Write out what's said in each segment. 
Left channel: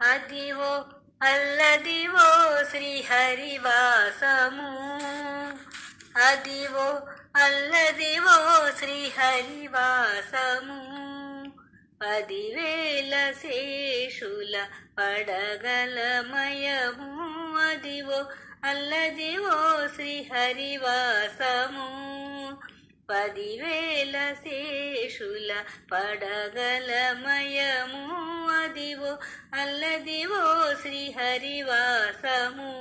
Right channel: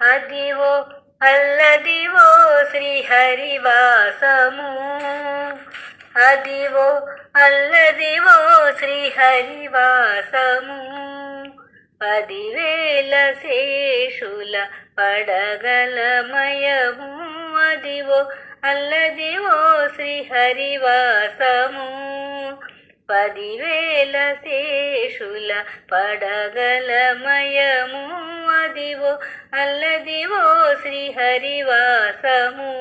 అదివో అల్లదివో శ్రీహరివాసము, అదివో అల్లదివో శ్రీహరివాసము. 10,000 శేషుల పడగలమయము, అదివో అల్లదివో శ్రీహరివాసము. 10,000 శేషుల పడగలమయము, అదివో అల్లదివో శ్రీహరివాసము.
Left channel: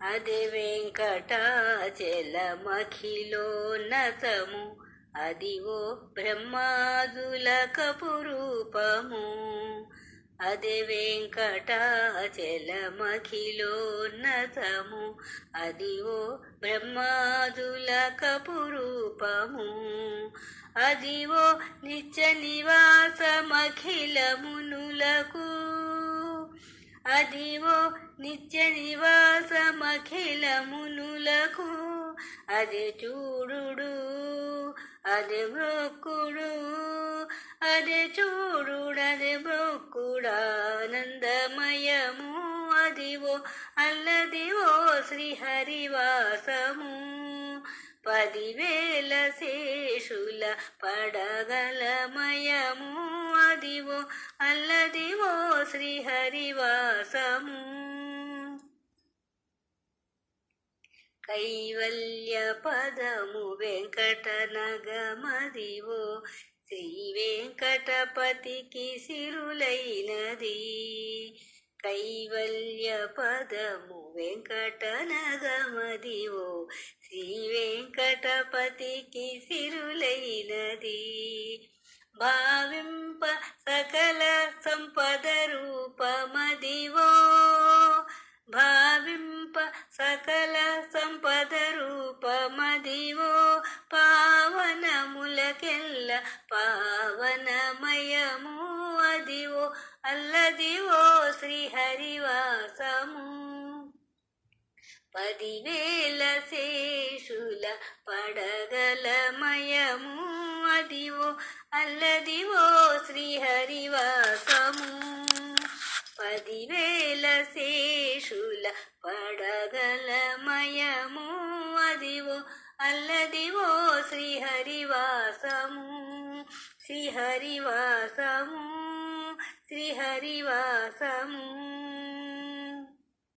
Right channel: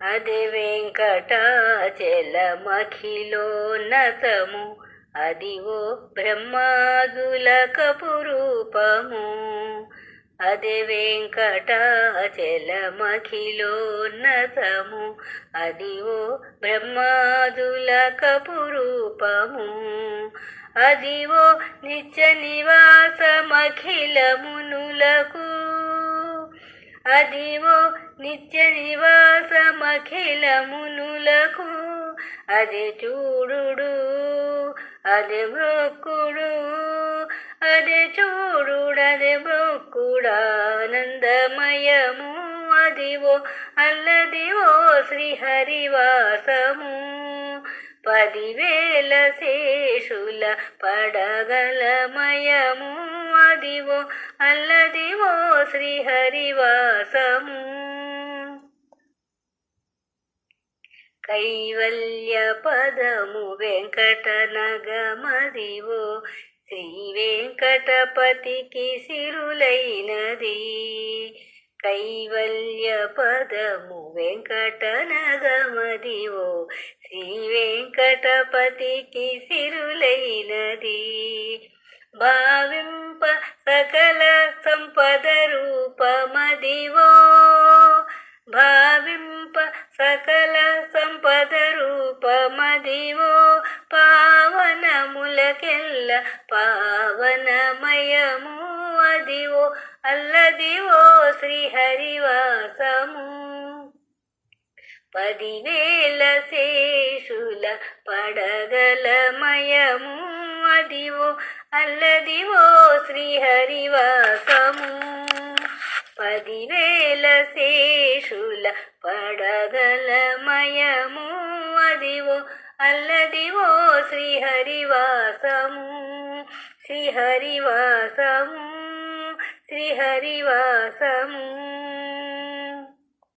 అది వెంకటాచలమఖిలోన్నతము, అదివో బ్రహ్మాదులకపు రూపము. అది వెంకటాచలమఖిలోన్నతము, అదివో బ్రహ్మాదులకపు రూపము. అదివో నిత్య నివాసమఖిలమునులకు, అదివో నిత్య నివాసమఖిలమునులకు. అది చూడుడు అది మ్రొక్కుడు, అది చూడుడది మ్రొక్కుడానందమయము, అదివో అల్లదివో శ్రీహరివాసము. 10,000 శేషుల పడగలమయము, అదివో అల్లదివో శ్రీహరివాసము. కైవల్య పదము వెంకటనగమదివో శ్రీ వెంకటపతికి సిరులైనది. కైవల్య పదము వెంకటనగమదివో శ్రీ వెంకటపతికి సిరులైనది. భావింప సకల సంపద రూపమదివో, భావింప సకల సంపద రూపమదివో. పావనములకెల్ల పావనమయము, అదివో అల్లదివో శ్రీహరివాసము. 10,000 శేషుల పడగలమయము, అదివో అల్లదివో శ్రీహరివాసము. 10,000 శేషుల పడగలమయము, అదివో అల్లదివో శ్రీహరివాసము. శ్రీహరివాసము, శ్రీహరివాసము.